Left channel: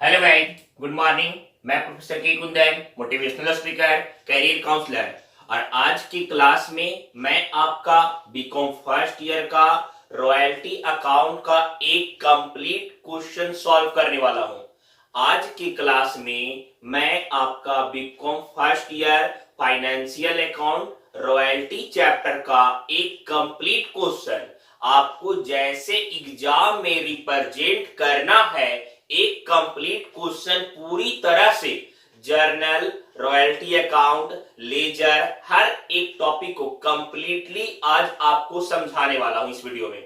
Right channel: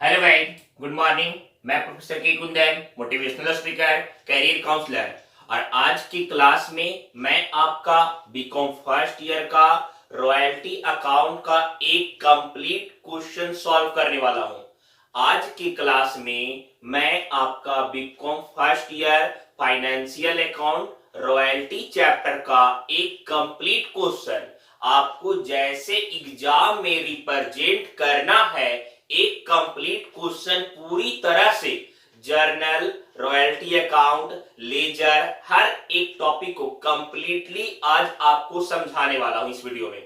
Hello guys, good morning. मैं professor K Kundan, motivational speaker, career counsellor. और आज की क्लास में मैं आपका बीकॉम फर्स्ट ईयर का रॉयल्टी अकाउंट का एक कंप्लीट क्वेश्चन सॉल्व करने वाला हूं। आज की क्लास में मैं आपका BCom first year financial account royalty chapter का एक कंप्लीट क्वेश्चन आपको जैसे एग्जाम में रिप्रेजेंट करना है, एक कंप्लीट क्वेश्चन पूरी तरह से जर्नल, रॉयल्टी अकाउंट, लेजर, हर एक टॉपिक को कंप्लीटली आज आपको समझाने वाला हूं इस वीडियो में।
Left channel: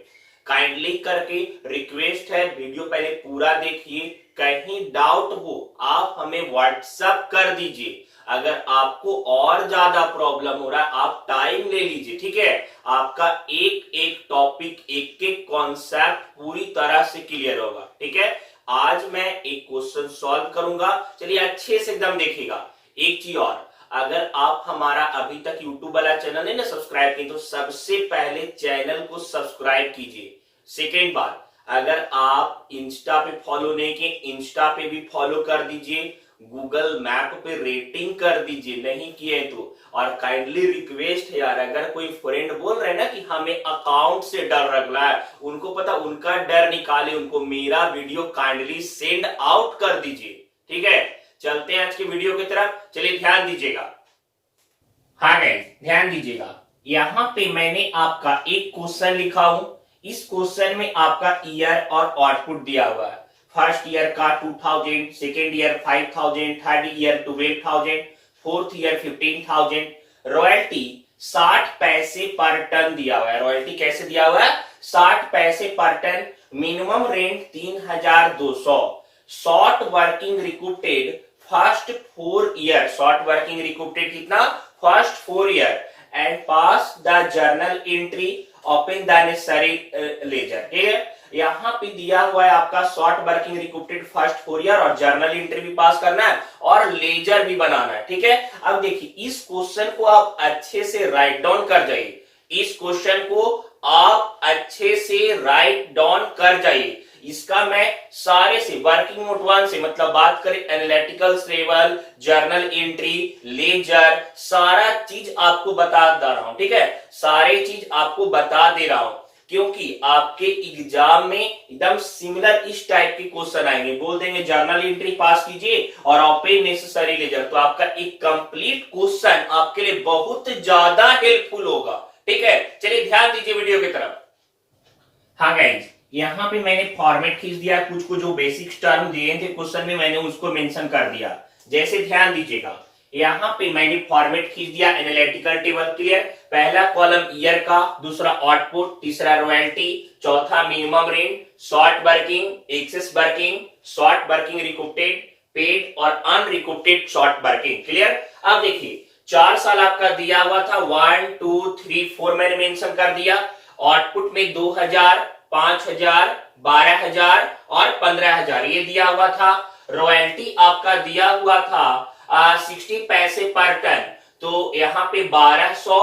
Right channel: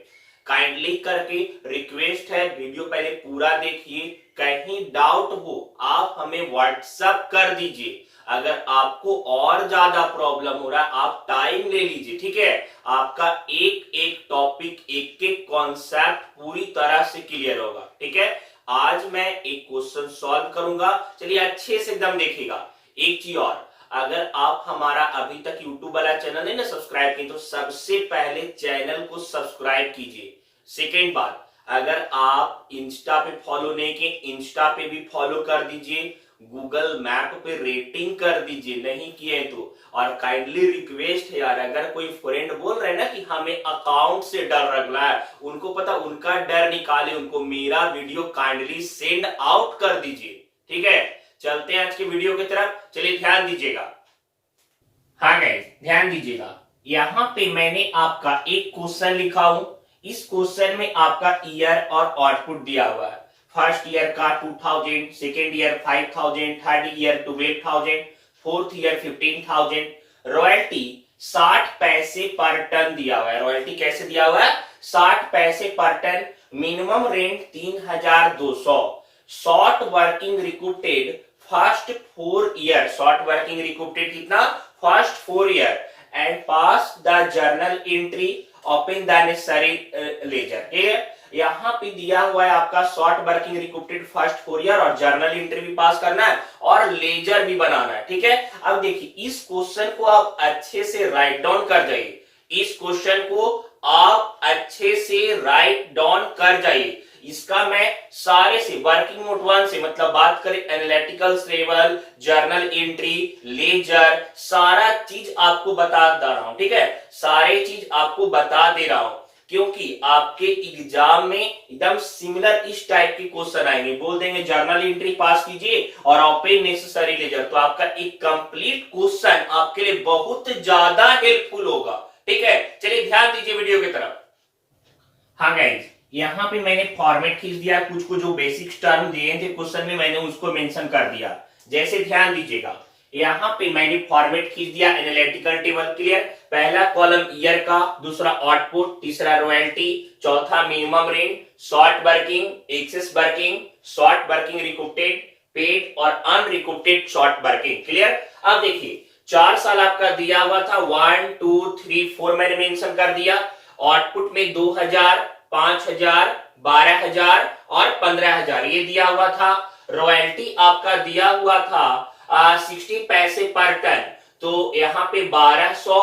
काइंडली करके रिक्वेस्ट है, वीडियो पहले पूरा देखिए। कहीं डाउट हो आप हमें व्हाट्सएप कर दीजिए। अगर आपको और ज्यादा प्रॉब्लम हो रहा है आप टाइम ले लीजिए, ठीक है। आपका एक एक टॉपिक, एक एक कॉन्सेप्ट पूरी तरह से क्लियर होगा, ठीक है। आज मैं एक क्वेश्चन सॉल्व करूंगा, चलिए अच्छे से एकदम देखिएगा। एक चीज और, अगर आप हमारा अभी तक यूट्यूब वाला चैनल नहीं ना सब्सक्राइब किए तो सबसे पहले चैनल को सब्सक्राइब कीजिए। सेकेंड बात, अगर आप इंस्टा पे फॉलो नहीं किए, इंस्टा पे भी फॉलो कर दीजिए। गूगल मैप पे रेटिंग कर दीजिए नहीं किए तो। और काइंडली रिक्वेस्ट है यार, अगर कोई फ्रेंड बोल रहे हैं ना कि हमें अकाउंट से डर लग रहा है, उनको पता, उनका डर निकाले, उनको मेरा वीडियो काइंडली सेंड आउट कर दीजिए, ठीक है। चलते हैं आज के वीडियो की तरफ, चलिए ध्यान दीजिएगा। हाँ गाइस, ध्यान दीजिएगा। यहाँ पे मैंने आपका एक क्वेश्चन लिखा हूं। इस क्वेश्चन में आपका ईयर और आउटपुट दिया हुआ है। फर्स्ट ईयर का 2000, second year 5000, third year 12000, fourth year 15000। Royalty 60 पैसे पर टन दिया हुआ है। रॉयल्टी कैसे दिया हुआ है? 60 पैसे पर ton. Minimum rent 3200। Short working recruited first 4 year. Short working recruited कितना? First 4 year and pass the journal entry, open the necessary ledger. ठीक है, यहाँ पे दिया हुआ है आपका short working recruited first 4 year और जर्नल एंट्री भी पास करना है और लेजर भी बनाना है, ठीक है। अब देखिए, इस क्वेश्चन को आप अच्छे से राइट डाउन कर जाइए। इस क्वेश्चन को आप अच्छे से राइट डाउन कर जाइए। इसका मैं सारे से वर्किंग नोट 1 से, मतलब बात करें analytical level, journal entry, ledger, सारा चीज आपको बता दे रहा हूं, ठीक है। सारे चीज आपको बता दे रहा हूं क्योंकि आपके एग्जाम में एकदम सिमिलर इस टाइप के क्वेश्चन आएंगे। बोल देंगे जर्नल एंट्री पास कीजिए और ओपन नेसेसरी लेजर, तो आपका एक कंप्लीट क्वेश्चन आपके लिए बहुत ज्यादा हेल्पफुल होगा, ठीक है। चलिए ध्यान दीजिए वीडियो की तरफ। हाँ गाइज, यहाँ पे मैंने फॉर्मेट खींच दिया। कुछ को जो बेसिक टर्म दिए थे क्वेश्चन में मैंने उसको मेंशन कर दिया। जैसे ध्यान दीजिएगा, यहाँ पे मैंने फॉर्मेट खींच दिया एनालिटिकल टेबल। क्लियर? पहला कॉलम ईयर का, दूसरा आउटपुट, तीसरा रॉयल्टी, चौथा minimum rent, short working, excess working, short working recruited, paid और अनरिक्रूटेड शॉर्ट वर्किंग। क्लियर? अब देखिए, 4 साल आपका दिया हुआ था। 1 2 3 4 मैंने मेंशन कर दिया। आउटपुट में 2000, 5000, 12000 और 15000 ये दिया हुआ था। रॉयल्टी आपका दिया हुआ था 60 पैसे पर टन, तो यहाँ पे 1200,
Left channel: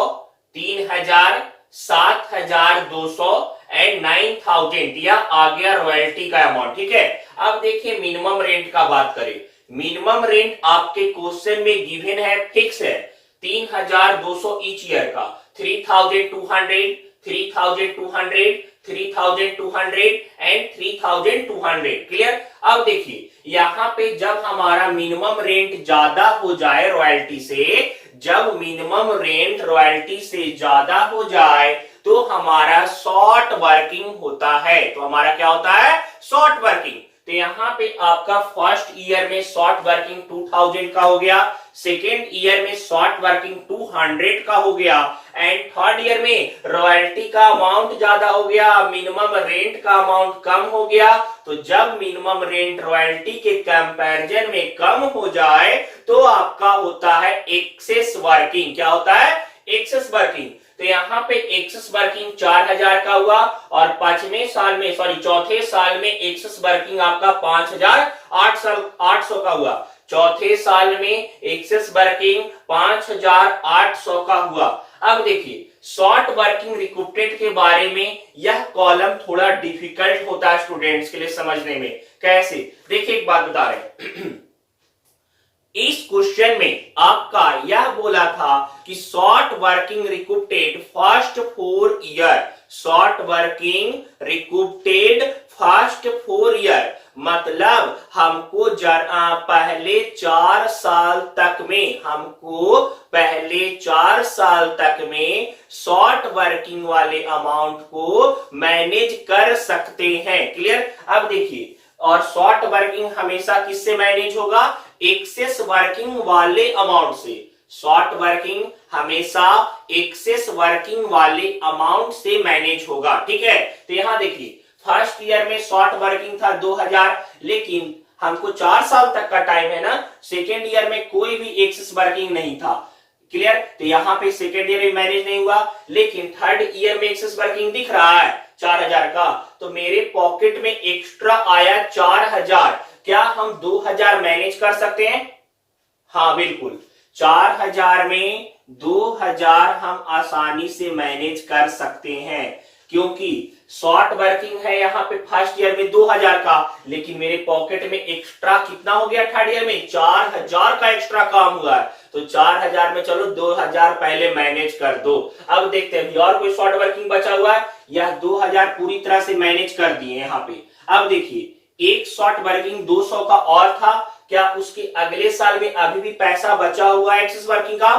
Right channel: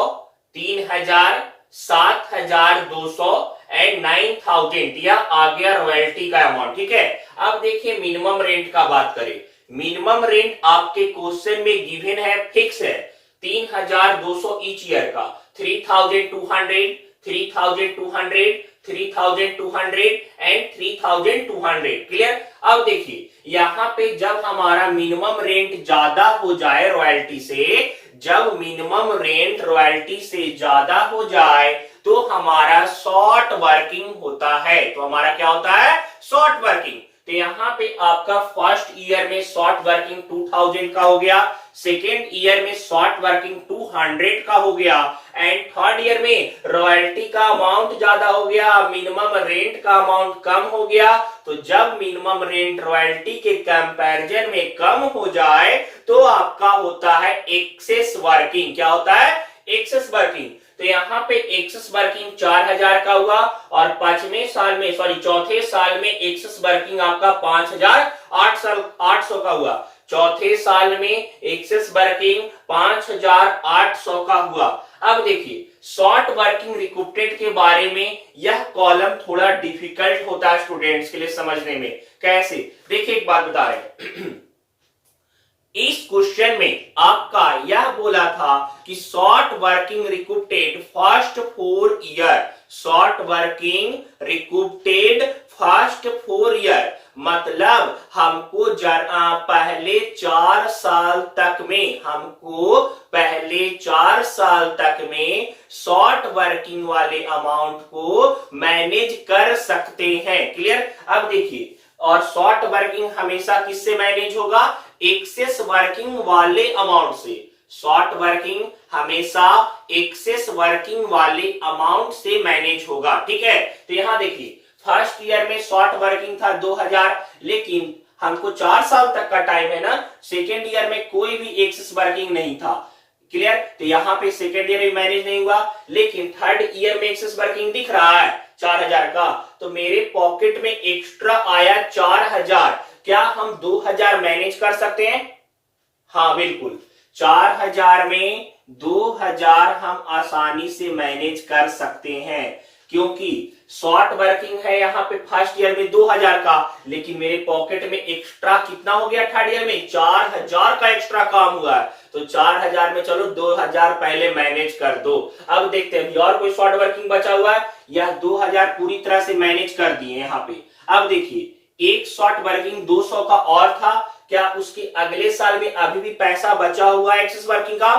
3000, 7200 एंड 9000 यह आ गया रॉयल्टी का अमाउंट, ठीक है। अब देखिए मिनिमम रेंट का बात करें। मिनिमम रेंट आपके क्वेश्चन में गिवन है, फिक्स है 3200 ईच ईयर का। 3200, 3200, 3200 एंड 3200। क्लियर? अब देखिए, यहाँ पे जब हमारा मिनिमम रेंट ज्यादा हो जाए रॉयल्टी से, जब मिनिमम रेंट रॉयल्टी से ज्यादा हो जाए तो हमारा शॉर्ट वर्किंग होता है। तो हमारा क्या होता है? Short working. तो यहाँ पे आपका फर्स्ट ईयर में शॉर्ट वर्किंग 2000 का हो गया, सेकेंड ईयर में शॉर्ट वर्किंग 200 का हो गया एंड थर्ड ईयर में रॉयल्टी का अमाउंट ज्यादा हो गया, मिनिमम रेंट का अमाउंट कम हो गया। तो जब मिनिमम रेंट रॉयल्टी के कंपैरिजन में कम हो जाए तो आपका होता है एक्सेस वर्किंग। क्या होता है? Excess working. तो यहाँ पे एक्सेस वर्किंग 4000 का हुआ और चौथे साल में एक्सेस वर्किंग आपका 5800 का हुआ। चौथे साल में एक्सेस वर्किंग 5800 का हुआ। अब देखिए, शॉर्ट वर्किंग रिक्रूटेड के बारे में यह कॉलम थोड़ा डिफिकल्ट होता है स्टूडेंट्स के लिए समझने में। कैसे, देखिए एक बात बता रहे इस क्वेश्चन में आपका यह बोला था कि short working recouped first 4 year, short working recouped first 4 year, मतलब हमको पहले 4 साल तक में, हमको पहले 4 साल तक में शॉर्ट वर्किंग वाले अमाउंट को मैनेज कर सकते हैं। क्लियर। अब देखिए, और शॉर्ट वर्किंग हमेशा किससे मैनेज होगा, एक्सेस वर्किंग वाले अमाउंट से। शॉर्ट वर्किंग हमेशा एक्सेस वर्किंग वाले अमाउंट से मैनेज होगा। ठीक है, तो यहां देखिए फर्स्ट ईयर में शॉर्ट वर्किंग था 2000, लेकिन हमको 4 साल तक का टाइम है ना, सेकेंड ईयर में कोई भी एक्सेस वर्किंग नहीं था। क्लियर। तो यहाँ पे सेकेंड ईयर में मैनेज नहीं हुआ, लेकिन थर्ड ईयर में एक्सेस वर्किंग दिख रहा है 4000 का, तो मेरे पॉकेट में एक्स्ट्रा आया 4000। क्या हम 2000 मैनेज कर सकते हैं? हाँ बिल्कुल, 4000 में 2000 हम आसानी से मैनेज कर सकते हैं, क्योंकि शॉर्ट वर्किंग है यहाँ पे फर्स्ट ईयर में 2000 का, लेकिन मेरे पॉकेट में एक्स्ट्रा कितना हो गया थर्ड ईयर में, 4000 का एक्स्ट्रा काम हुआ है। तो 4000 में चलो 2000 पहले मैनेज कर दो। अब देखते हैं और कोई शॉर्ट वर्किंग बचा हुआ है, यह 2000 पूरी तरह से मैनेज कर दिए यहाँ पे। अब देखिए एक शॉर्ट वर्किंग 200 का और था, क्या उसके अगले साल में अभी भी पैसा बचा हुआ है एक्सेस वर्किंग का?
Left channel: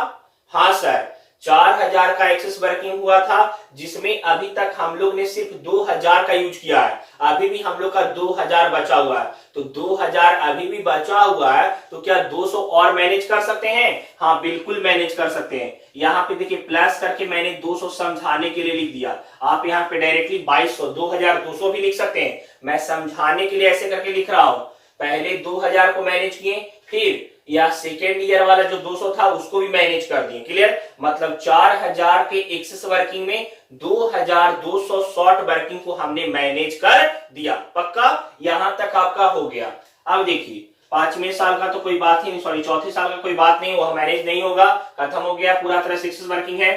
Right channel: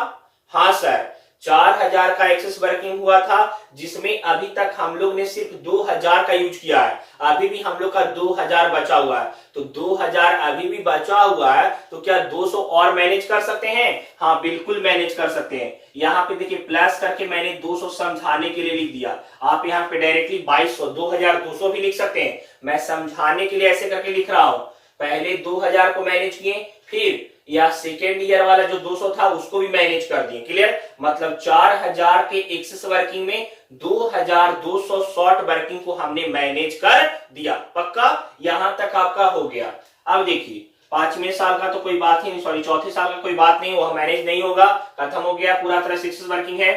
हाँ सर, 4000 का एक्सेस वर्किंग हुआ था, जिसमें अभी तक हम लोग ने सिर्फ 2000 का यूज किया है, अभी भी हम लोग का 2000 बचा हुआ है। तो 2000 अभी भी बचा हुआ है, तो क्या 200 और मैनेज कर सकते हैं? हाँ बिल्कुल मैनेज कर सकते हैं। यहाँ पे देखिए प्लस करके मैंने 200 समझाने के लिए लिख दिया, आप यहाँ पे डायरेक्टली 2200 2200 भी लिख सकते हैं, मैं समझाने के लिए ऐसे करके लिख रहा हूं। पहले 2000 को मैनेज किए, फिर या सेकेंड ईयर वाला जो 200 था उसको भी मैनेज कर दिए। क्लियर। मतलब 4000 के एक्सेस वर्किंग में 2200 शॉर्ट वर्किंग को हमने मैनेज कर दिया। पक्का, यहां तक आपका हो गया। अब देखिए 5वें साल का तो कोई बात ही नहीं, सॉरी 4थे साल का कोई बात नहीं, वह मैनेज नहीं होगा, खत्म हो गया, पूरा तरह से एक्सेस वर्किंग है।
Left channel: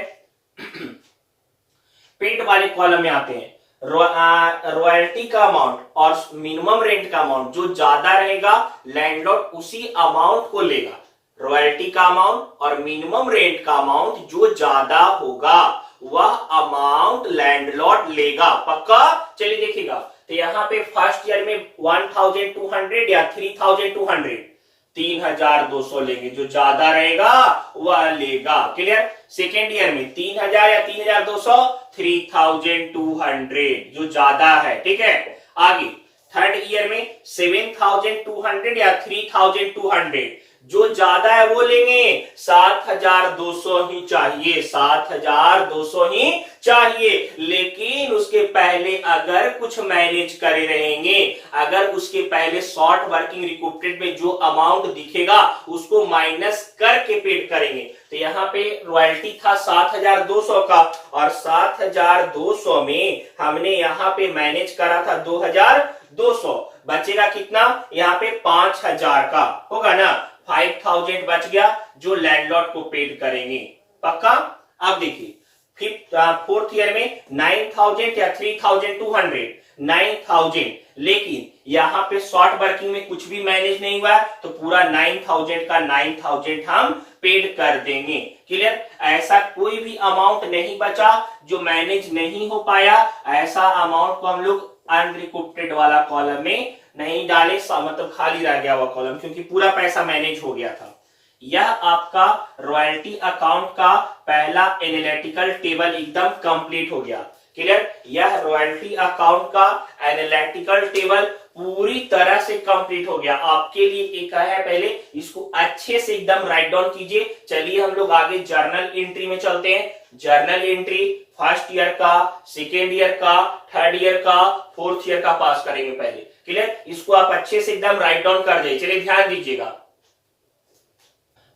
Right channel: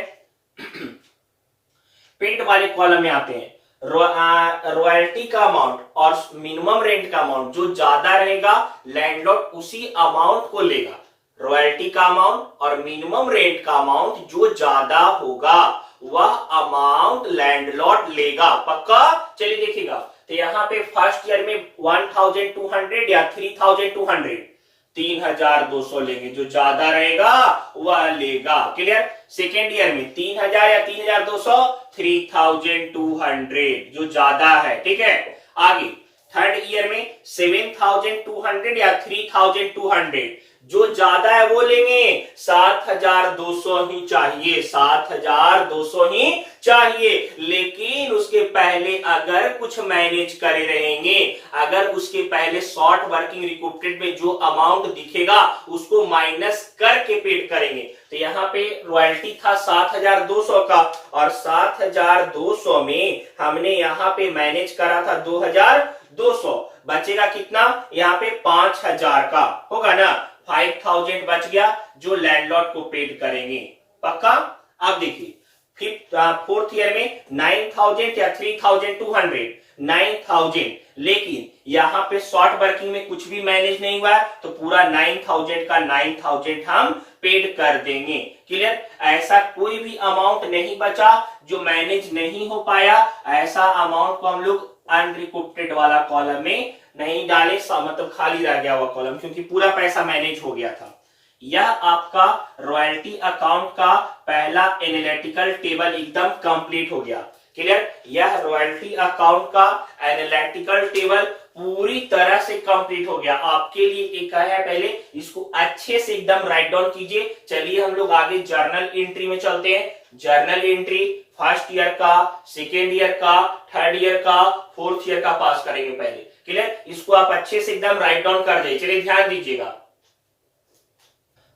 पेड वाले कॉलम में आते हैं, रॉयल्टी का अमाउंट और मिनिमम रेंट का अमाउंट जो ज्यादा रहेगा लैंडलॉर्ड उसी अमाउंट को लेगा। रॉयल्टी का अमाउंट और मिनिमम रेंट का अमाउंट जो ज्यादा होगा वह अमाउंट लैंडलॉर्ड लेगा। पक्का। चलिए देखिएगा, तो यहाँ पे फर्स्ट ईयर में 1200 या 3200, 3200 लेंगे, जो ज्यादा रहेगा वह लेगा। क्लियर। सेकेंड ईयर में 3000 या 3200, 3200 जो ज्यादा है। ठीक है। आगे थर्ड ईयर में 7200 या 3200, जो ज्यादा है वो लेंगे, 7200 ही चाहिए, 7200 ही चाहिए। लेकिन उसके पहले अगर कुछ मैनेज करे रहेंगे, अगर उसके पहले शॉर्ट वर्किंग रिकूप्टेड में जो अमाउंट दिखेगा उसको माइनस करके पेड करेंगे। तो यहाँ पे रॉयल्टी था 7200 का, और 7200 में हमने यहाँ पे मैनेज करा था 2200, बचेगा कितना, यहाँ पे 5000 का होगा ना, 5000 बच गया जो लैंडलॉर्ड को पेड करेंगे। पक्का। अब देखिए फोर्थ ईयर में 9000 या 3200, 9000, लेकिन यहाँ पे शॉर्ट वर्किंग में कुछ भी मैनेज नहीं हुआ, तो पूरा 9000 का 9000 हम पेड कर देंगे। क्लियर। ऐसा कोई भी अमाउंट नहीं बचा जो मैनेज नहीं हो पाया, ऐसा अमाउंट को हम लोग अनरिकूप्टेड वाला कॉलम में नहीं डाले, मतलब खाली रह गया हुआ कॉलम, क्योंकि पूरा पैसा मैनेज हो गया था। यह आपका रॉयल्टी अकाउंट का पहला एनालिटिकल टेबल एकदम कंप्लीट हो गया। क्लियर। यह रॉयल्टी अकाउंट का एनालिटिकल टेबल पूरी तरह से कंप्लीट हो गया। आपके लिए एक है, पहले इसको अच्छे से एकदम राइट डाउन कीजिए। चलिए हम लोग आगे जर्नल एंट्री में चलते हैं। जर्नल एंट्री फर्स्ट ईयर का, सेकेंड ईयर का, थर्ड ईयर का, फोर्थ ईयर का पास करेंगे पहले। क्लियर। इसको आप अच्छे से एकदम राइट डाउन कर दे। चलिए ध्यान दीजिएगा।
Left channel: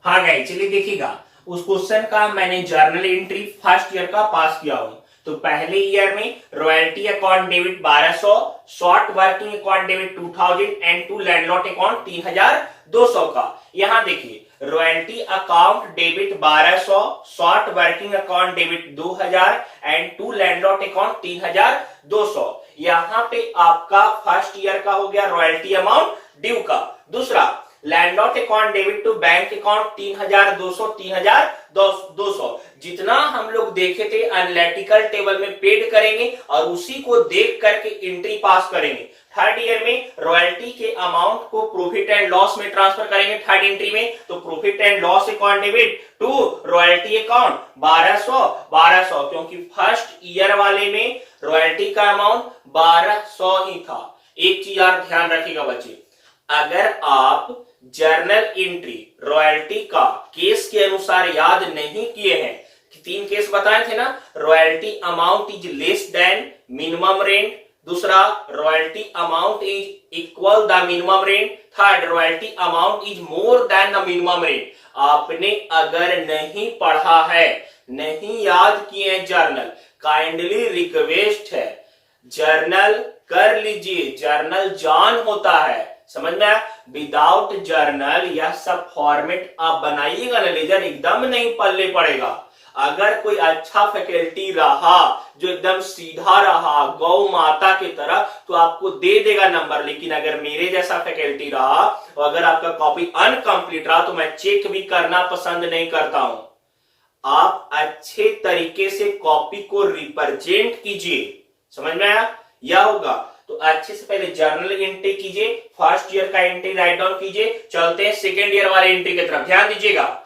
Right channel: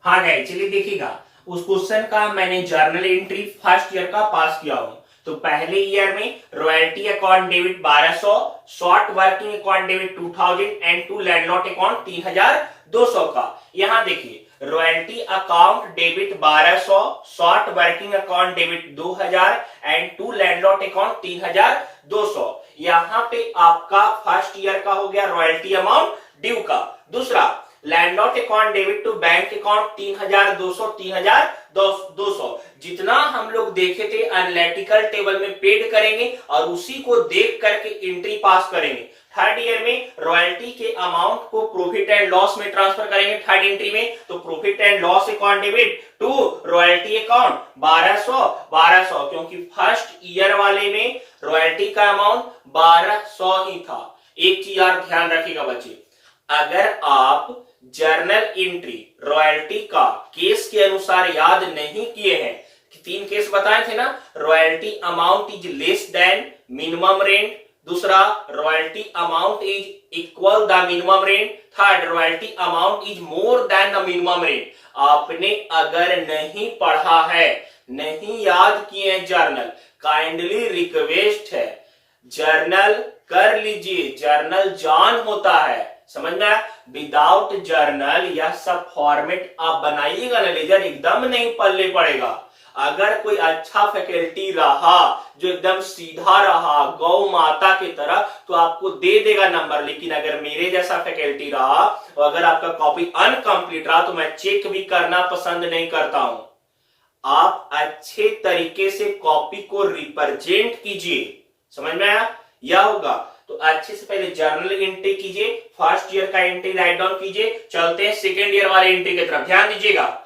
हाँ गाइस, चलिए देखिएगा, उस क्वेश्चन का मैंने जर्नल एंट्री फर्स्ट ईयर का पास किया हूं। तो पहले ईयर में royalty account debit 1200, short working account debit 2000 and to landlord account 3200 का। यहां देखिए royalty account debit 1200, short working account debit 2000 and to landlord account 3200। यहां पे आपका फर्स्ट ईयर का हो गया रॉयल्टी अमाउंट ड्यू का। दूसरा landlord account debit to bank account 3200 3200 जितना हम लोग देखे थे एनालिटिकल टेबल में पेड करेंगे और उसी को देख करके एंट्री पास करेंगे। थर्ड ईयर में रॉयल्टी के अमाउंट को प्रॉफिट एंड लॉस में ट्रांसफर करेंगे थर्ड एंट्री में, तो profit and loss account debit to royalty account 1200 क्योंकि फर्स्ट ईयर वाले में रॉयल्टी का अमाउंट 1200 ही था। एक चीज और ध्यान रखिएगा बच्चे, अगर आप जर्नल एंट्री रॉयल्टी का केस के अनुसार याद नहीं किए हैं, तीन केस बताए थे ना, royalty amount is less than minimum rent, दूसरा royalty amount is equal the minimum rent, third royalty amount is more than the minimum rent. आपने अगर नहीं पढ़ा है, नहीं याद किए हैं जर्नल, काइंडली रिक्वेस्ट है जर्नल कर लीजिए, जर्नल जान होता है, समझ में आया। विदाउट जर्नल यह सब फॉर्मेट आप बनाइएगा ना लेजर एकदम नहीं पल्ले पड़ेगा। अगर कोई अच्छा फैकल्टी रहा जो एकदम सीधा रहा गौ माता की तरह तो आपको दे देगा नंबर, लेकिन अगर मेरे जैसा फैकल्टी रहा और अगर आपका कॉपी अनकंप्लीट रहा तो मैं चेक भी करना पसंद नहीं करता हूं। आप अच्छे तरीके से कॉपी को रिप्रेजेंट कीजिए, समझ में आया। यह होगा तो अच्छे से पहले जर्नल एंट्री कीजिए, फर्स्ट ईयर का एंट्री राइट डाउन कीजिए। चलते हैं सेकेंड ईयर वाले एंट्री की तरफ, ध्यान दीजिएगा।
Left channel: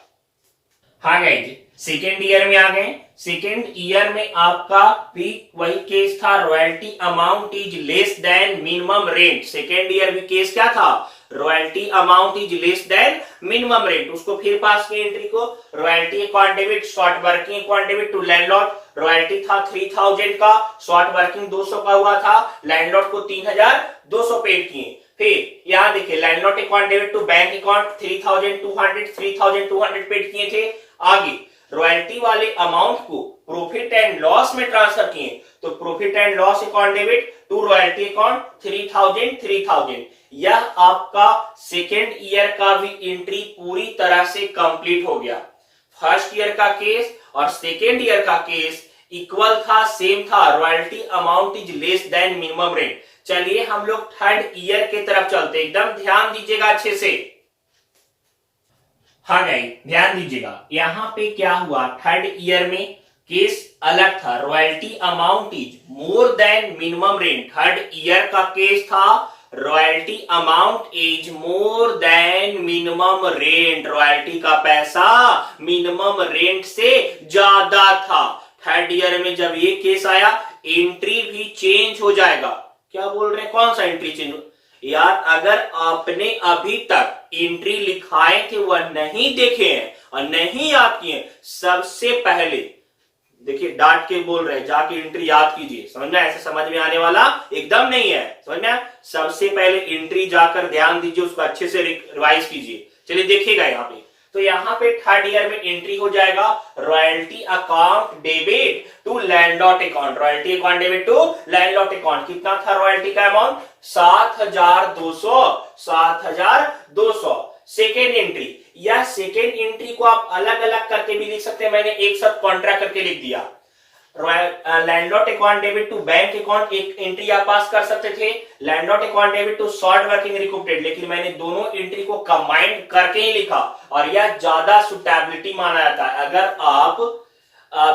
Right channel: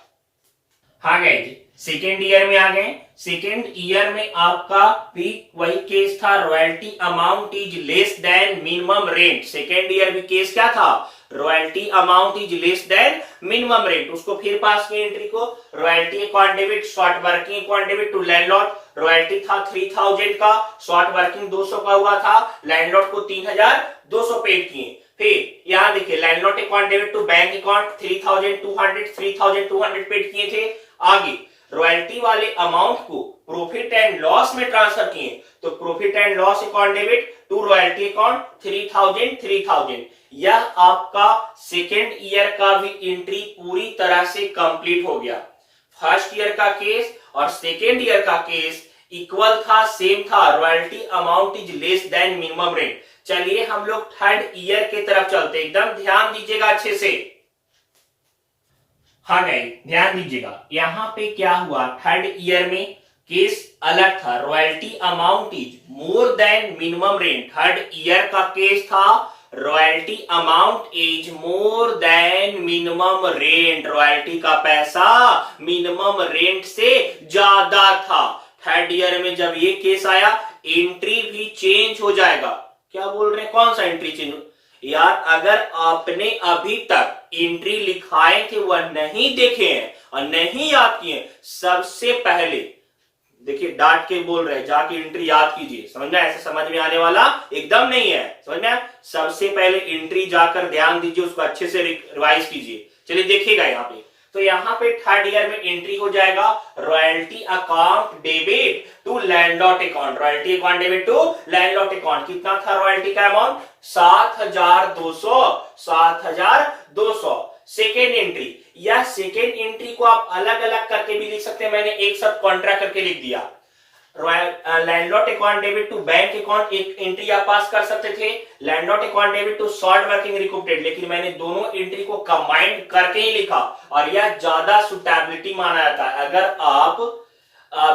हाँ गाइस, सेकेंड ईयर में आ गए। सेकेंड ईयर में आपका भी वही केस था, royalty amount is less than minimum rent. Second year में केस क्या था, royalty amount is less than minimum rent. उसको फिर पास किया एंट्री को, royalty account debit short working account debit to landlord, royalty था 3000 का, शॉर्ट वर्किंग 200 का हुआ था, लैंडलॉर्ड को 3200 पेड किए। फिर यहां देखिए landlord account debit to bank account 3200 paid किए थे। आगे रॉयल्टी वाले अमाउंट को प्रॉफिट एंड लॉस में ट्रांसफर किए, तो profit and loss account debit to royalty account 3000। यह आपका सेकेंड ईयर का भी एंट्री पूरी तरह से कंप्लीट हो गया। फर्स्ट ईयर का केस और सेकेंड ईयर का केस इक्वल था, सेम था, royalty amount is less than minimum rent. चलिए हम लोग थर्ड ईयर की तरफ चलते, एकदम ध्यान दीजिएगा अच्छे से। हाँ गाइस ध्यान दीजिएगा, यहां पे क्या हुआ, थर्ड ईयर में केस अलग था, royalty amount is more then minimum rent. Third year का केस था royalty amount is more then minimum rent, royalty का पैसा मिनिमम रेंट से ज्यादा था। थर्ड ईयर में जब ये केस आया एंट्री भी चेंज हो जाएगा। क्या बोल रहे हैं, कौन सा एंट्री चेंज हो यार, अगर आपने अभी तक एंट्री लिखाए थे वह नहीं देखे हैं और नहीं याद किए, सबसे पहले देखिए डांट के बोल रहे हैं जाके एंट्री याद कीजिए, समझ में, ऐसे समझ में आने वाला एकदम नहीं है, समझ में। सबसे पहले एंट्री जाकर ध्यान दीजिए, उसको अच्छे से रिवाइज कीजिए। चलिए देखिएगा यहाँ पे, तो यहाँ पे थर्ड ईयर में एंट्री हो जाएगा royalty account debit to landlord account, royalty account debit to landlord account. कितना था रॉयल्टी का अमाउंट, 7200। सेकेंड एंट्री, या सेकेंड एंट्री को आप अलग अलग करके भी लिख सकते हैं, मैंने एक साथ कॉन्ट्रा करके लिख दिया। Landlord account debit to bank account एक एंट्री आप पास कर सकते थे, landlord account debit to short working recuperate, लेकिन मैंने दोनों एंट्री को कंबाइंड करके ही लिखा और यह ज्यादा सुटेबिलिटी माना जाता है। अगर आप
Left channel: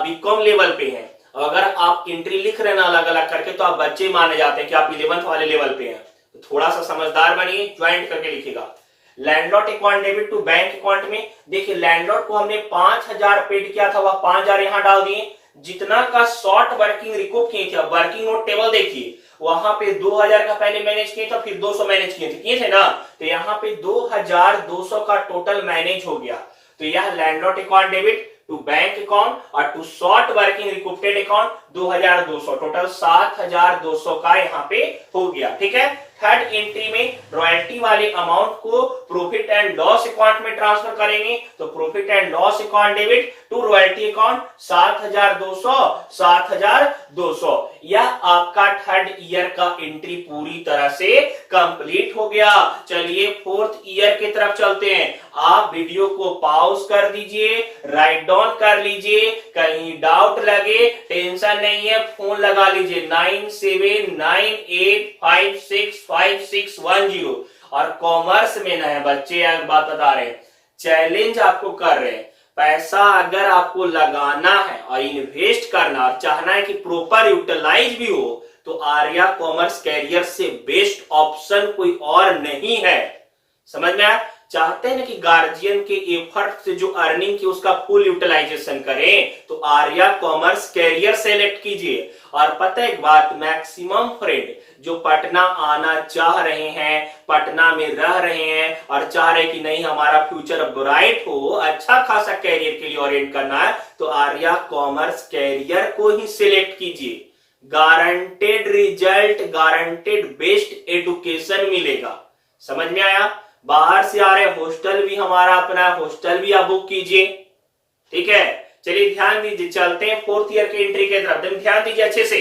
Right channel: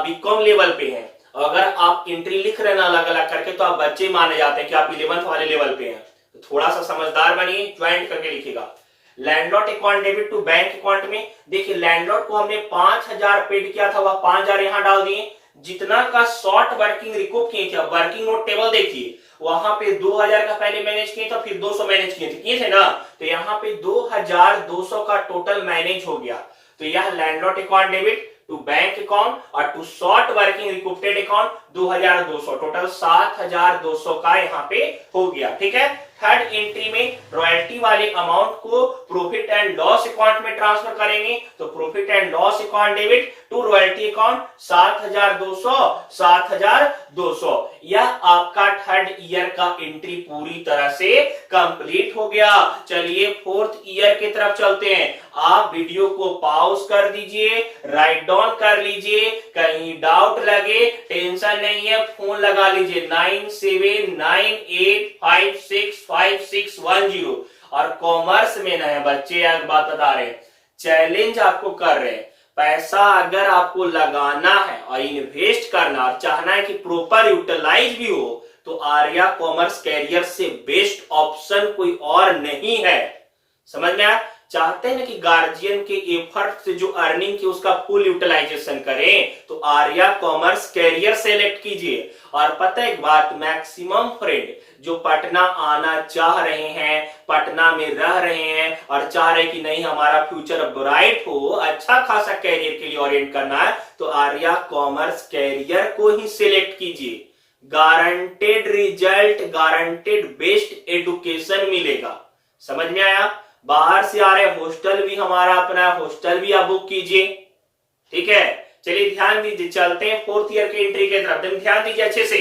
बीकॉम लेवल पे हैं, अगर आप एंट्री लिख रहे हैं ना अलग अलग करके, तो आप बच्चे माने जाते हैं कि आप 11th वाले लेवल पे हैं। तो थोड़ा सा समझदार बनिए, ज्वाइंट करके लिखिएगा। Landlord account debit to bank account में देखिए लैंडलॉर्ड को हमने 5000 पेड किया था, वह 5000 यहां डाल दिए। जितना का शॉर्ट वर्किंग रिकूप किए थे, वर्किंग नोट टेबल देखिए, वहां पे 2000 का पहले मैनेज किए थे, फिर 200 मैनेज किए थे ना, तो यहाँ पे 2200 का टोटल मैनेज हो गया। तो यह landlord account debit to bank account और to short working recouped account 2200, total 7200 का यहाँ पे हो गया। ठीक है, थर्ड एंट्री में रॉयल्टी वाले अमाउंट को प्रॉफिट एंड लॉस अकाउंट में ट्रांसफर करेंगे, तो profit and loss account debit to royalty account 7,200 यह आपका थर्ड ईयर का एंट्री पूरी तरह से कंप्लीट हो गया। चलिए फोर्थ ईयर की तरफ चलते हैं। आप वीडियो को पॉज कर दीजिए, राइट डाउन कर लीजिए, कहीं डाउट लगे टेंशन नहीं है, फोन लगा लीजिए 9798565610 और कॉमर्स में नए बच्चे एक बात बता रहे हैं, चैलेंज आपको कर रहे हैं, पैसा अगर आपको लगाना है और इन्वेस्ट करना और चाहना है कि प्रॉपर यूटिलाइज भी हो, तो आर्या कॉमर्स कैरियर से बेस्ट ऑप्शन कोई और नहीं है। समझ में आया? चाहते हैं ना कि गार्जियन के एफर्ट से जो अर्निंग की उसका फुल यूटिलाइजेशन करें, तो आर्या कॉमर्स कैरियर सेलेक्ट कीजिए। और पता है एक बात, मैक्सिमम फ्रेंड जो पटना आना चाह रहे हैं, पटना में रह रहे हैं और चाह रहे कि नहीं हमारा फ्यूचर ब्राइट हो, अच्छा खासा कैरियर के लिए ओरिएंट करना है, तो आर्या कॉमर्स कैरियर को ही सिलेक्ट कीजिए। Guaranteed result, guaranteed best education मिलेगा। समझ में आया? बाहर से आ रहे हॉस्टल भी हमारा अपना, हॉस्टल भी आप बुक कीजिए। ठीक है, चलिए ध्यान दीजिए, चलते हैं फोर्थ ईयर के एंट्री की तरफ। ध्यान दीजिए अच्छे से।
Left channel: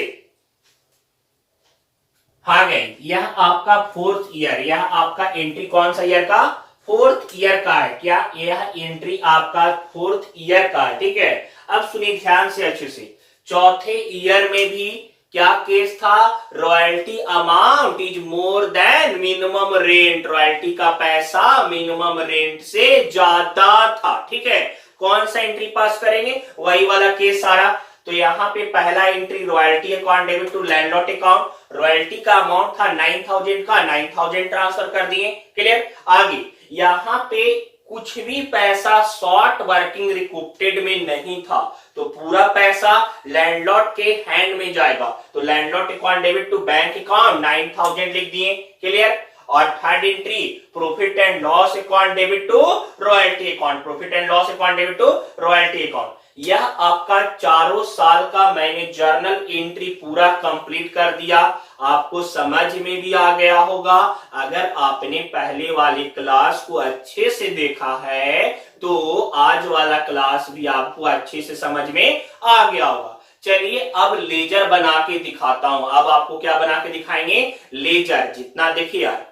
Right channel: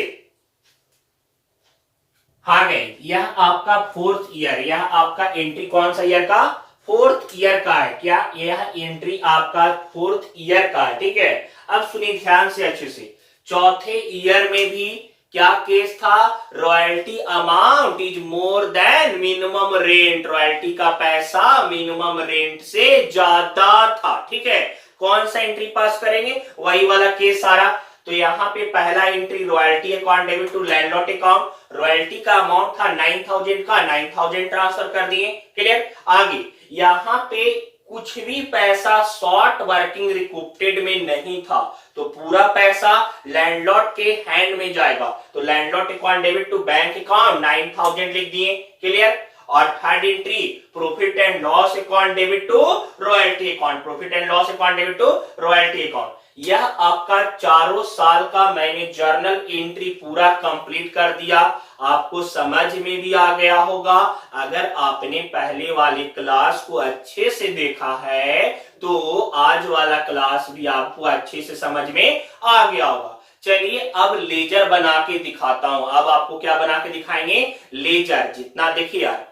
हाँ गए, यह आपका फोर्थ ईयर, यह आपका एंट्री कौन सा ईयर का? फोर्थ ईयर का है। क्या यह एंट्री आपका फोर्थ ईयर का है? ठीक है, अब सुनिए ध्यान से अच्छे से। चौथे ईयर में भी क्या केस था? Royalty amount is more then minimum rent, royalty का पैसा मिनिमम रेंट से ज्यादा था। ठीक है, कौन सा एंट्री पास करेंगे? वही वाला केस सारा। तो यहाँ पे पहला entry royalty account debit to landlord account, royalty का अमाउंट था 9,000 का, 9,000 ट्रांसफर कर दिए। क्लियर? आगे यहाँ पे कुछ भी पैसा शॉर्ट वर्किंग रिकूप्टेड में नहीं था, तो पूरा पैसा लैंडलॉर्ड के हैंड में जाएगा। तो landlord account debit to bank account 9,000 लिख दिए। क्लियर? और third entry profit and loss account debit to royalty account, profit and loss account debit to royalty account. यह आपका चारों साल का मैंने जर्नल एंट्री पूरा कंप्लीट कर दिया। आपको समझ में भी आ गया होगा। अगर आपने पहले वाली क्लास को अच्छे से देखा है तो आज वाला क्लास भी आपको अच्छे से समझ में आ गया होगा। चलिए अब लेजर बना के दिखाता हूं। अब आपको क्या बना के दिखाएंगे? लेजर। जितना देखिए यार,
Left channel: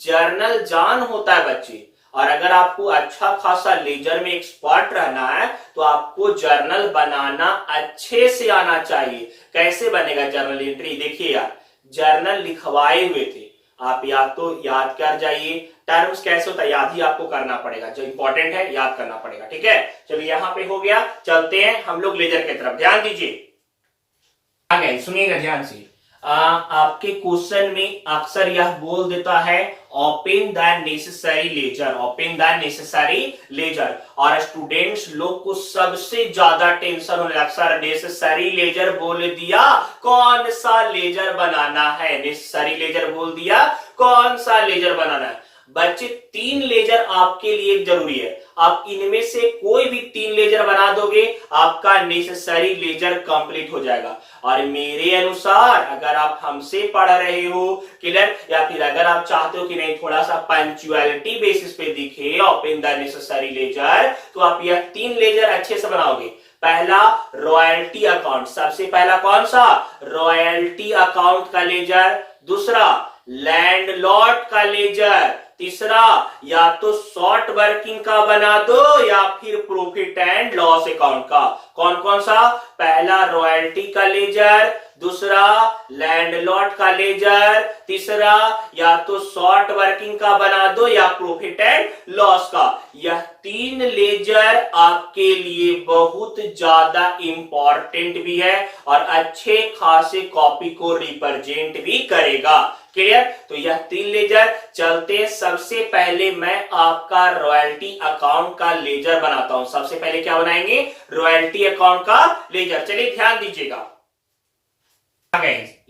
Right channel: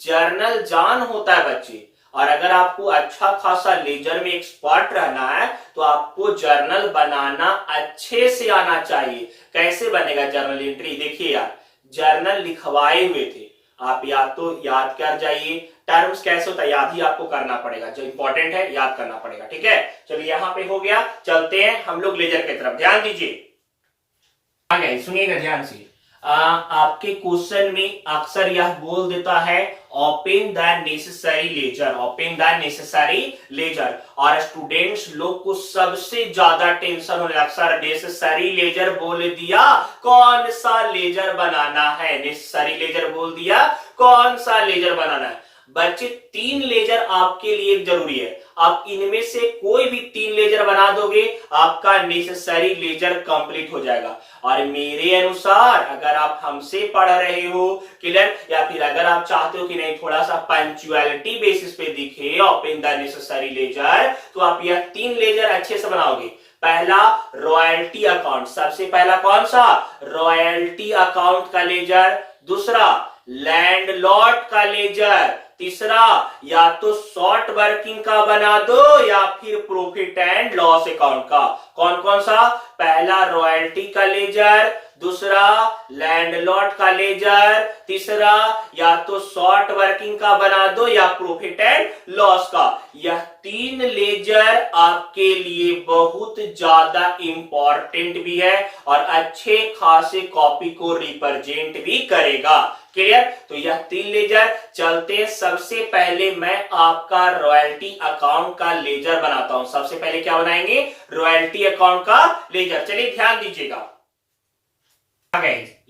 जर्नल जान होता है बच्चे, और अगर आपको अच्छा खासा लेजर में एक्सपर्ट रहना है तो आपको जर्नल बनाना अच्छे से आना चाहिए। कैसे बनेगा जर्नल एंट्री? देखिए यार, जर्नल लिखवाए हुए थे आप, या तो याद कर जाइए। टर्म्स कैसे होता है याद ही आपको करना पड़ेगा, जो इंपॉर्टेंट है याद करना पड़ेगा। ठीक है, चलिए यहाँ पे हो गया। चलते हैं हम लोग लेजर की तरफ। ध्यान दीजिए, आ गए, सुनिएगा ध्यान से। आपके क्वेश्चन में अक्सर यह बोल देता है open the necessary laser, open the necessary laser, और स्टूडेंट्स लोग को सबसे ज्यादा टेंशन होने अक्सर नेसेसरी लेजर बोल दिया, कौन सा लेजर बनाना है? नेसेसरी लेजर बोल दिया, कौन सा लेजर बनाना है? बच्चे 3 लेजर आपके लिए जरूरी है। आप इनमें से कोई भी 3 लेजर बना दोगे, आपका नेसेसरी लेजर कंप्लीट हो जाएगा। और मेरे अनुसार अगर आप हमसे पढ़ रहे हो, क्लियर, या फिर अगर आप चाहते हो कि नहीं थोड़ा सा पंक्चुअलिटी बेसिस पे दिखे ओपन द नेसेसरी लेजर, तो आप यह 3 लेजर अच्छे से बनाओगे। पहला रॉयल्टी अकाउंट, सबसे पहला कौन सा? रॉयल्टी अकाउंट का लेजर। दूसरा लैंडलॉर्ड का लेजर। तीसरा या तो शॉर्ट वर्किंग का बना दो या फिर प्रॉफिट एंड लॉस अकाउंट का। कौन कौन सा? पहला रॉयल्टी का लेजर, दूसरा लैंडलॉर्ड का लेजर, तीसरा या तो शॉर्ट वर्किंग का बना दो या प्रॉफिट एंड लॉस का। यह 3 लेजर आपके लिए बहुत ज्यादा इंपॉर्टेंट भी है और अच्छे खासे कॉपी को रिप्रेजेंट भी करेगा। क्लियर? तो यह 3 लेजर। चलते सबसे पहले मैं आपका रॉयल्टी अकाउंट का लेजर बनाता हूं। सबसे पहले क्या बनाएंगे? रॉयल्टी अकाउंट का लेजर। चलिए ध्यान दीजिएगा,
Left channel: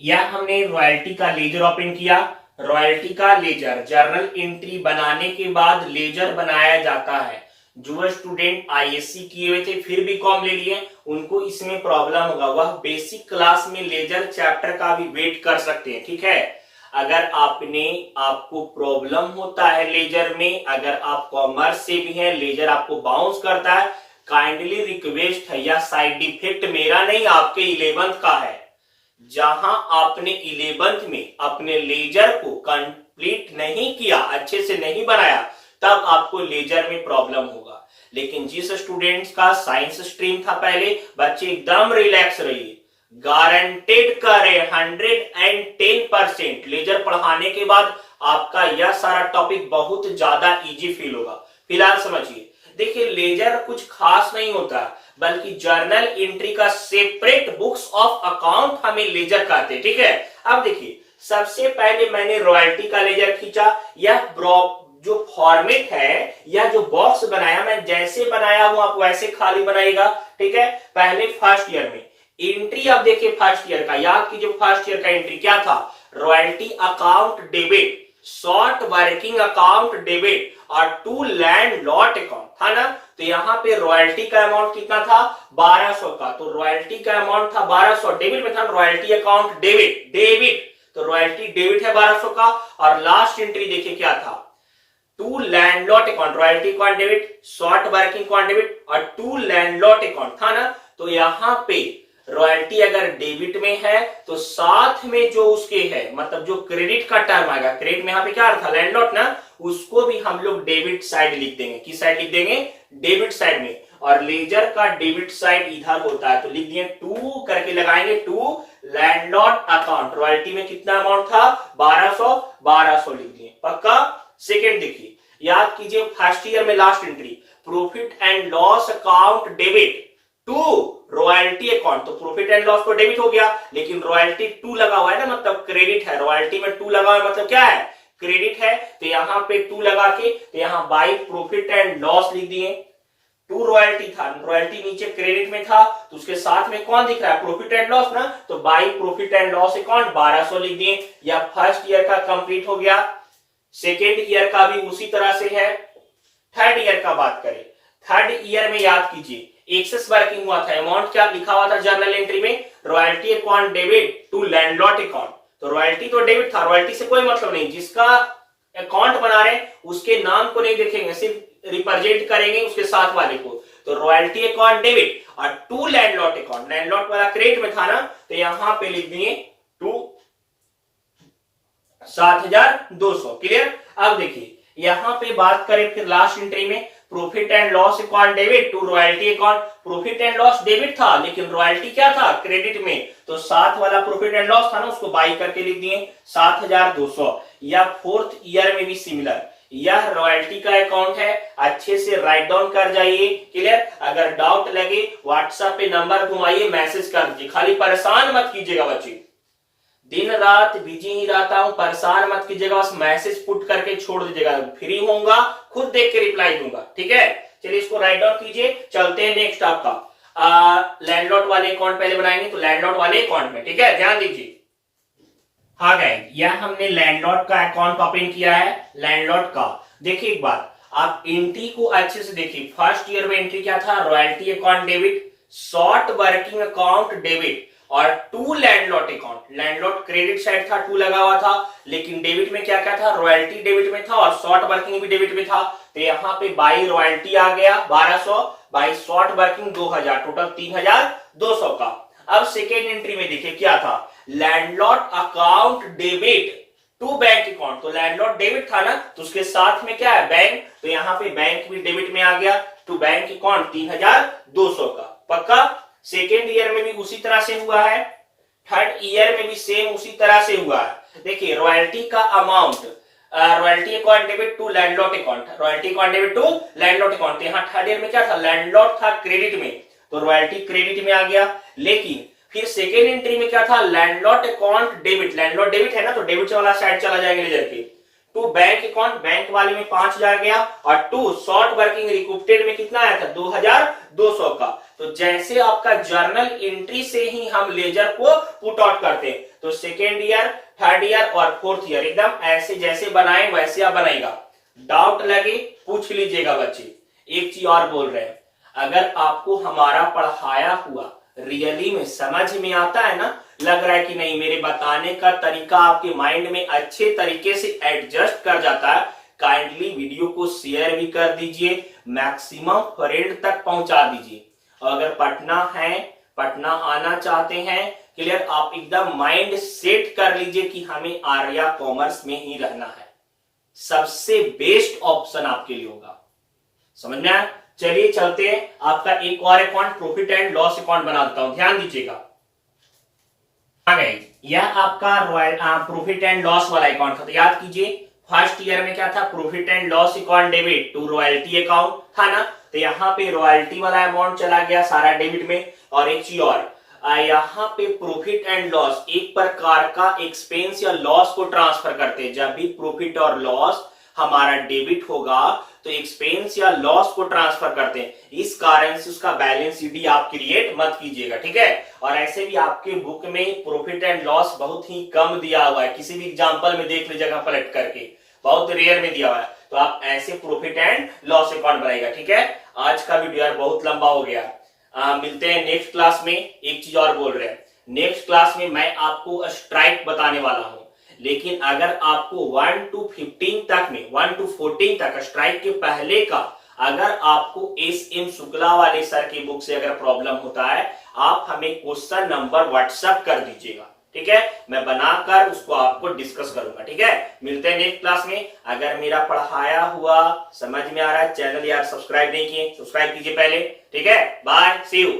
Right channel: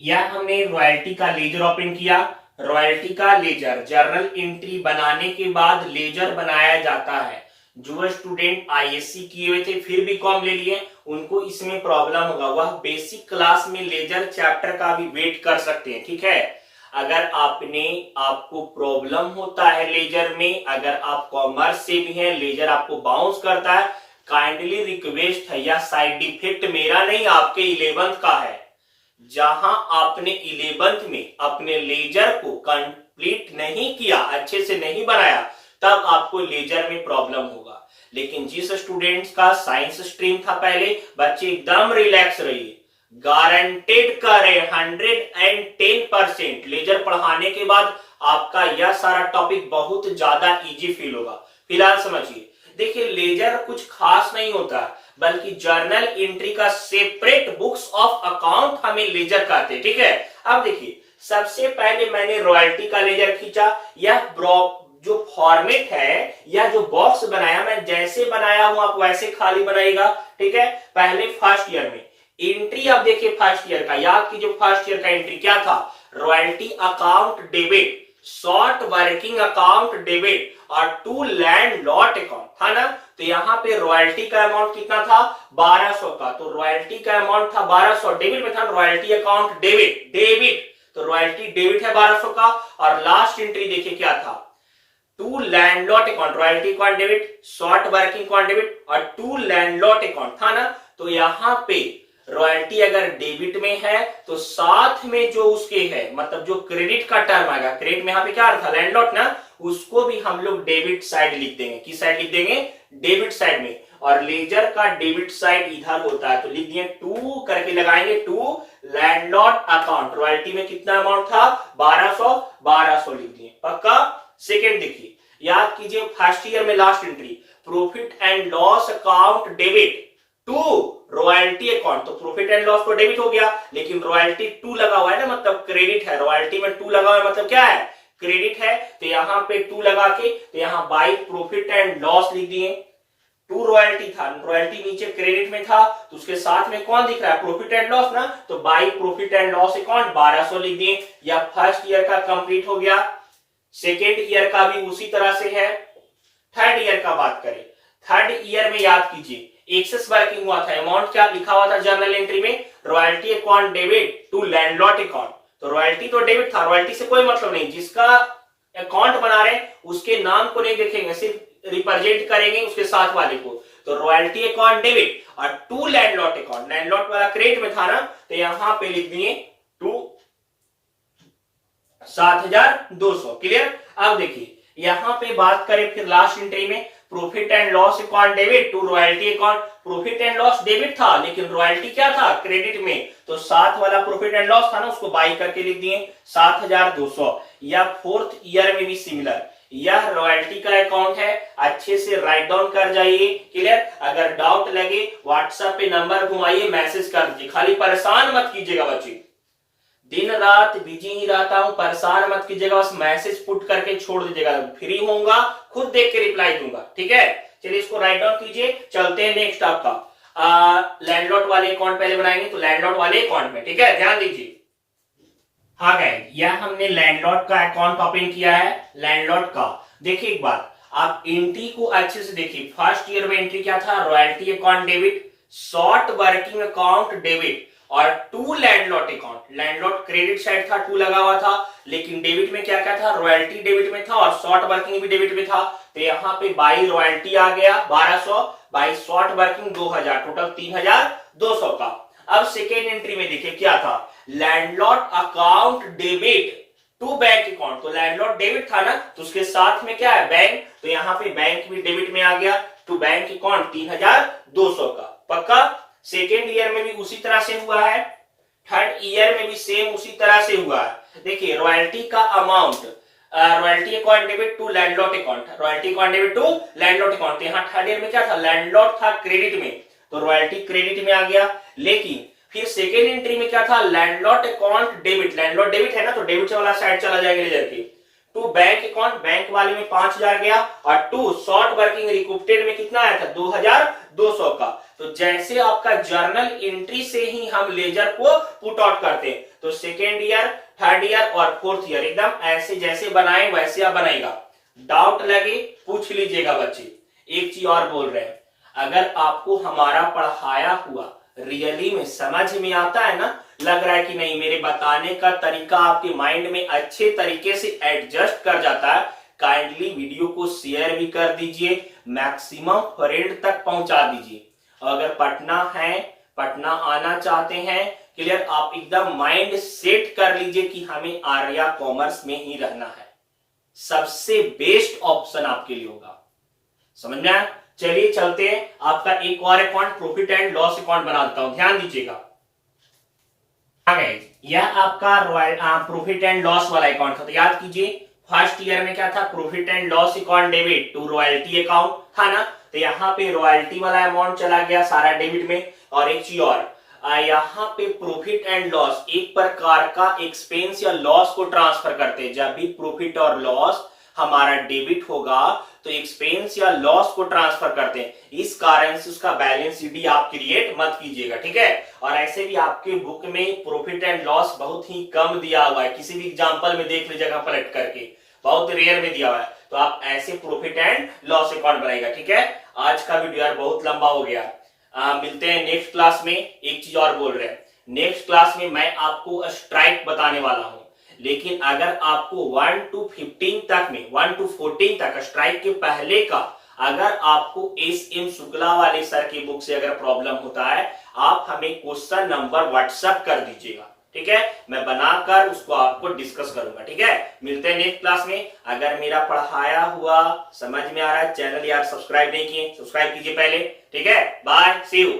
यह हमने रॉयल्टी का लेजर ओपन किया। रॉयल्टी का लेजर जर्नल एंट्री बनाने के बाद लेजर बनाया जाता है। जो स्टूडेंट आईएससी किए हुए थे फिर भी कॉम ले लिए, उनको इसमें प्रॉब्लम होगा, वह बेसिक क्लास में लेजर चैप्टर का भी वेट कर सकते हैं। ठीक है, अगर आपको प्रॉब्लम होता है लेजर में, अगर आप कॉमर्स से भी हैं, लेजर आपको बाउंस करता है, काइंडली रिक्वेस्ट है, या साइड इफेक्ट मेरा नहीं आपके 11th का है। जहां आपने 11th में अपने लेजर को कंप्लीट नहीं किया, अच्छे से नहीं बनाया, तब आपको लेजर में प्रॉब्लम होगा। लेकिन जिस स्टूडेंट्स का साइंस स्ट्रीम था पहले, बच्चे एकदम रिलैक्स रहिए, गारंटेड करे 110% लेजर पढ़ाने के बाद आपका यह सारा टॉपिक बहुत ज्यादा इजी फील होगा। फिलहाल समझिए, देखिए लेजर कुछ खास नहीं होता, बल्कि जर्नल एंट्री का सेपरेट बुक्स ऑफ अकाउंट हमें लेजर कहते हैं, ठीक है। अब देखिए, सबसे पहले मैंने रॉयल्टी का लेजर खींचा, यह जो फॉर्मेट है या जो बॉक्स बनाया, मैं जैसे बनाया हूं आप वैसे खाली बनाएगा, ठीक है। पहले फर्स्ट ईयर में एंट्री, अब देखिए फर्स्ट ईयर का, याद कीजिए फर्स्ट ईयर का एंट्री क्या था, royalty account debit, short working account debit और टू लैंड लॉट अकाउंट था ना। तो यहाँ पे रॉयल्टी का अमाउंट कितना था, 1200 का, तो रॉयल्टी का अमाउंट था 1200, डेबिट में था रॉयल्टी अकाउंट डेबिट, तो रॉयल्टी डेबिट है 1200 का। और लास्ट एंट्री देखिए क्या था, to landlord account, royalty account debit, short working account debit और टू लैंडलॉट अकाउंट था ना। तो यहाँ पे रॉयल्टी अगर डेबिट में है तो साथ में जो उसके है, मतलब जो क्रेडिट का टर्म आएगा, क्रेडिट में यहाँ पे क्या था, लैंडलॉट ना, उसको भी हम लोग डेबिट साइड लिख देंगे। किस साइड लिख देंगे, डेबिट साइड में। और लेजर का डेबिट साइड इधर होता है, तो लिख दिए टू करके लगाएंगे, टू लैंडलॉट अकाउंट, रॉयल्टी में कितना अमाउंट था, 1200 लिख दिए, पक्का। सेकेंड देखिए, याद कीजिए फर्स्ट ईयर में last entry, profit and loss account debit to royalty account, तो प्रॉफिट एंड लॉस तो डेबिट हो गया, लेकिन रॉयल्टी 2 लगा हुआ है ना, मतलब क्रेडिट है, रॉयल्टी में 2 लगा हुआ है मतलब क्या है, क्रेडिट है। तो यहाँ पे 2 लगा के, तो यहाँ बाई प्रॉफिट एंड लॉस लिख दिए। 2 रॉयल्टी था, रॉयल्टी नीचे क्रेडिट में था, तो उसके साथ में कौन दिख रहा है, प्रॉफिट एंड लॉस ना, तो by profit and loss account 1200 लिख दिए। या फर्स्ट ईयर का कंप्लीट हो गया। सेकेंड ईयर का भी उसी तरह से है। थर्ड ईयर का बात करें, थर्ड ईयर में याद कीजिए एक्सेस वर्किंग हुआ था, अमाउंट क्या लिखा हुआ था जर्नल एंट्री में, royalty account debit to landlord account, तो रॉयल्टी तो डेबिट था, रॉयल्टी से कोई मतलब नहीं, जिसका अकाउंट बना रहे उसके नाम को नहीं देखेंगे, सिर्फ रिप्रेजेंट करेंगे उसके साथ वाले को। तो रॉयल्टी अकाउंट डेबिट और टू लैंडलॉट अकाउंट, लैंडलॉट वाला क्रेडिट में था ना, तो यहां पे लिख दिए टू 7200, क्लियर। अब देखिए यहां पे बात करें फिर लास्ट एंट्री में, profit and loss account debit to royalty account, profit and loss debit था लेकिन रॉयल्टी क्या था, क्रेडिट में, तो साथ वाला प्रॉफिट एंड लॉस था ना, उसको बाई करके लिख दिए 7200। या फोर्थ ईयर में भी सिमिलर, यह रॉयल्टी का अकाउंट है, अच्छे से राइट डाउन कर जाइए, क्लियर। अगर डाउट लगे व्हाट्सएप पे नंबर घुमाइए, मैसेज कर दीजिए, खाली परेशान मत कीजिएगा बच्चे, दिन रात बिजी ही रहता हूं, परेशान मत कीजिएगा, बस मैसेज पुट करके छोड़ दीजिएगा, फ्री होऊंगा खुद देख के रिप्लाई दूंगा, ठीक है। चलिए इसको राइट डाउन कीजिए, चलते हैं नेक्स्ट आपका लैंडलॉट वाले अकाउंट पहले बनाएंगे, तो लैंडलॉट वाले अकाउंट में, ठीक है, ध्यान दीजिए। हाँ गाइस, यह हमने लैंडलॉट का अकाउंट ओपन किया है, लैंडलॉट का। देखिए एक बात, आप एंट्री को अच्छे से देखिए, फर्स्ट ईयर में एंट्री क्या था, royalty account debit, short working account debit और to landlord account, लैंडलॉट credit side था, 2 लगा हुआ था, लेकिन डेबिट में क्या क्या था, रॉयल्टी डेबिट में था और शॉर्ट वर्किंग भी डेबिट में था। तो यहाँ पे बाई रॉयल्टी आ गया 1200, बाई शॉर्ट वर्किंग 2000, टोटल 3200 का। अब सेकेंड एंट्री में देखिए क्या था, landlord account debit to bank account, तो लैंडलॉट डेबिट था ना, तो उसके साथ में क्या है, बैंक, तो यहाँ पे बैंक भी डेबिट में आ गया, टू बैंक अकाउंट 3200 का, पक्का। सेकेंड ईयर में भी उसी तरह से हुआ है, थर्ड ईयर में भी सेम उसी तरह से हुआ है। देखिए रॉयल्टी का amount, royalty account debit to landlord account, royalty account debit to landlord account, यहाँ थर्ड ईयर में क्या था, लैंडलॉट था क्रेडिट में, तो रॉयल्टी क्रेडिट में आ गया। लेकिन फिर सेकेंड एंट्री में क्या था, लैंडलॉट अकाउंट डेबिट, लैंडलॉट डेबिट है ना, तो डेबिट वाला साइड चला जाएगा लेजर पे, टू बैंक अकाउंट, बैंक वाले में 5000 गया, और टू शॉर्ट वर्किंग रिकूप्टेड में कितना आया था, 2200 का। तो जैसे आपका जर्नल एंट्री से ही हम लेजर को पुट आउट करते हैं, तो सेकेंड ईयर, थर्ड ईयर और फोर्थ ईयर एकदम ऐसे जैसे बनाए वैसे आप बनाएगा। डाउट लगे पूछ लीजिएगा बच्चे। एक चीज और बोल रहे हैं, अगर आपको हमारा पढ़ाया हुआ रियली में समझ में आता है ना, लग रहा है कि नहीं मेरे बताने का तरीका आपके माइंड में अच्छे तरीके से एडजस्ट कर जाता है, काइंडली वीडियो को शेयर भी कर दीजिए, मैक्सिमम फ्रेंड तक पहुंचा दीजिए। अगर पटना है, पटना आना चाहते हैं, क्लियर, आप एकदम माइंड सेट कर लीजिए कि हमें आर्या कॉमर्स में ही रहना है, सबसे बेस्ट ऑप्शन आपके लिए होगा। समझ में आया? चलिए चलते हैं, आपका एक और account profit and loss account बना देता हूं, ध्यान दीजिएगा। यह आपका रॉयल प्रॉफिट एंड लॉस वाला अकाउंट था, तो याद कीजिए फर्स्ट ईयर में क्या था, profit and loss account debit to royalty account था ना, तो यहाँ पे रॉयल्टी वाला अमाउंट चला गया सारा डेबिट में। और एक चीज और, यहाँ पे प्रॉफिट एंड लॉस एक प्रकार का एक्सपेंस या लॉस को ट्रांसफर करते हैं। जब भी प्रॉफिट और लॉस हमारा डेबिट होगा तो एक्सपेंस या लॉस को ट्रांसफर करते हैं, इस कारण से उसका बैलेंस शीट आप क्रिएट मत कीजिएगा, ठीक है। और ऐसे भी आपके बुक में प्रॉफिट एंड लॉस बहुत ही कम दिया हुआ है, किसी भी एग्जांपल में देख लीजिएगा पलट करके, बहुत रेयर में दिया हुआ है, तो आप ऐसे प्रॉफिट एंड लॉस अकाउंट बनाएगा, ठीक है। आज का वीडियो यार बहुत लंबा हो गया, मिलते हैं नेक्स्ट क्लास में। एक चीज और बोल रहे हैं, नेक्स्ट क्लास में मैं आपको स्ट्राइक बताने वाला हूं, लेकिन अगर आपको 1 to 15 तक में, 1 to 14 तक स्ट्राइक के पहले का अगर आपको एस एम शुक्ला वाले सर की बुक से अगर प्रॉब्लम होता है, आप हमें क्वेश्चन नंबर व्हाट्सएप कर दीजिएगा, ठीक है। मैं बनाकर उसको आपको डिस्कस करूंगा, ठीक है। मिलते हैं नेक्स्ट क्लास में। अगर मेरा पढ़ाया हुआ समझ में आ रहा है, चैनल यार सब्सक्राइब नहीं किए, सब्सक्राइब कीजिए पहले, ठीक है। Bye, see you.